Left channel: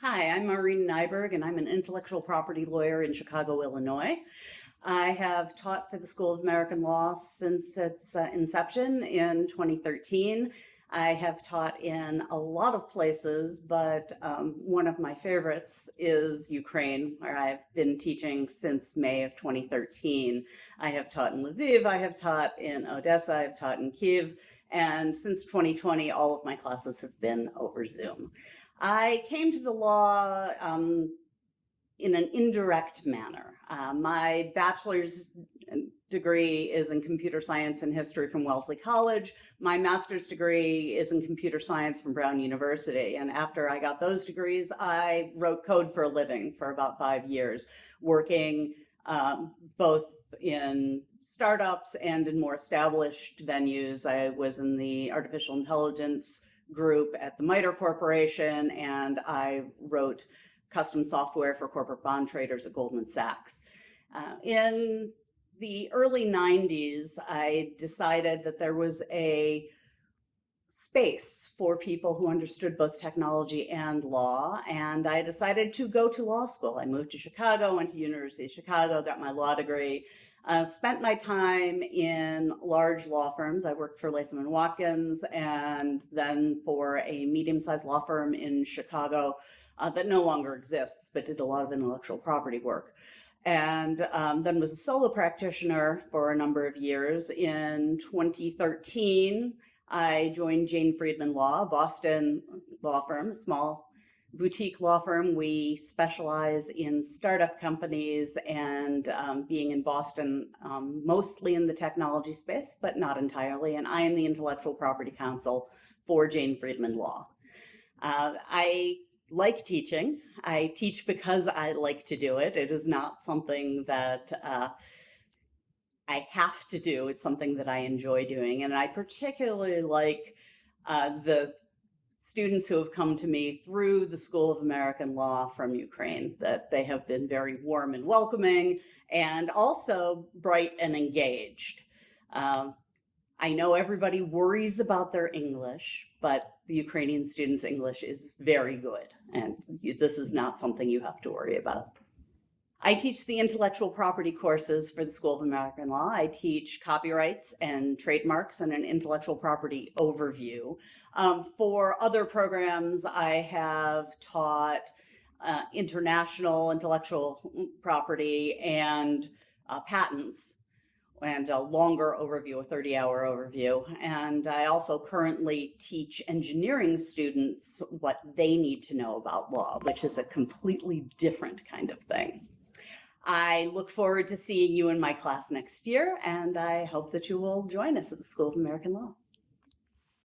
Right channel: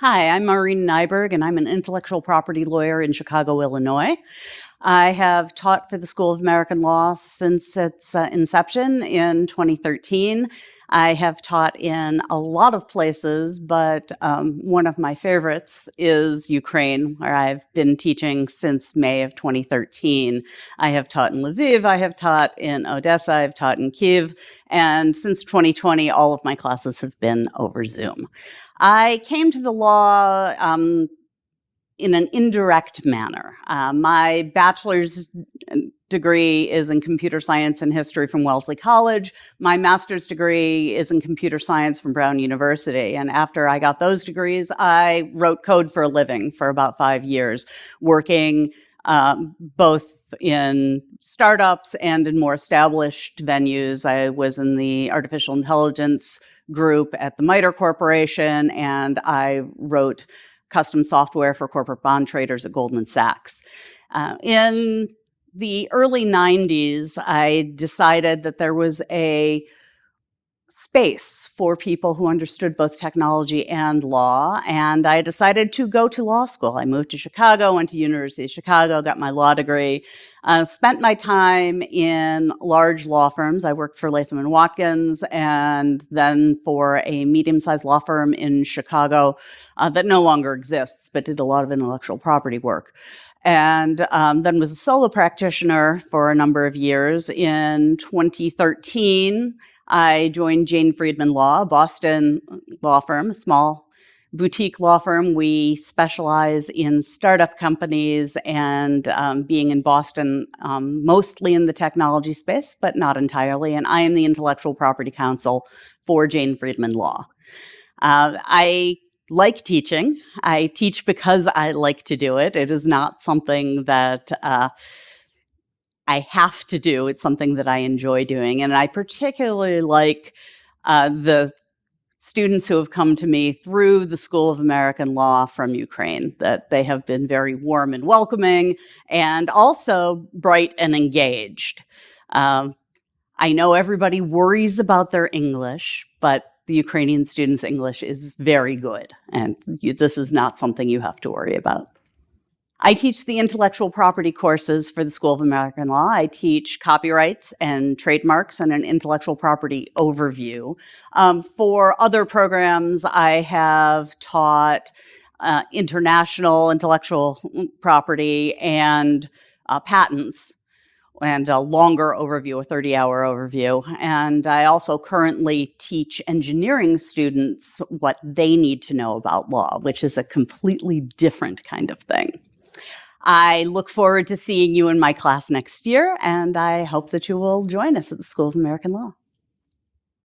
Hi, I'm Maurine Neiberg, and I'm an intellectual property lawyer in Chicago, Illinois. I have taught for the School of American Law since its inception in 2013. I have taught in a lot of places, but one of my favorites is Ukraine, where I've been teaching since May of 2013. I have taught in Lviv, I have taught in Odessa, I've taught in Kyiv, and since 2020, all of my classes have been over Zoom. I came to the law in an indirect manner. My bachelor's degree is in computer science and history from Wellesley College. My master's degree is in computer science from Brown University. And after I got those degrees, I wrote code for a living for about 5 years, working both in startups and in more established venues. I was in the artificial intelligence group at the MITRE Corporation, and I wrote custom software for corporate bond traders at Goldman Sachs. In the early 90s, I decided that there was a space for people who understood both technology and law, and I decided to go to law school. I moved to Chicago, went to University of Chicago, got my law degree, spent my time in large law firms. I worked for Latham & Watkins, and then for a medium-sized law firm in Chicago that no longer exists, but did a lot of intellectual property work. And then was a solo practitioner for a number of years. In 2013, I joined Jane Friedman Law, a Boston law firm, a small boutique law firm. We specialize in startup companies and being in Boston, mostly in the technology space, but not entirely. And I am the intellectual property counsel for Jane Friedman Law. I like teaching. I teach because I like to do it. It is not something that I have to do. It's something that I enjoy doing. And I particularly like the students who have come to me through the School of American Law from Ukraine, that they have been very warm and welcoming and also bright and engaged. I know everybody worries about their English, but the Ukrainian students' English is very good, and this is not something you have to worry about. I teach the intellectual property courses for the School of American Law. I teach copyrights and trademarks and an intellectual property overview. For other programs, I have taught international intellectual property and patents, and a longer overview, a 30-hour overview. And I also currently teach engineering students what they need to know about law, which is a completely different kind of thing. I look forward to seeing you in my class next year, and I hope that you will join us at the School of American Law.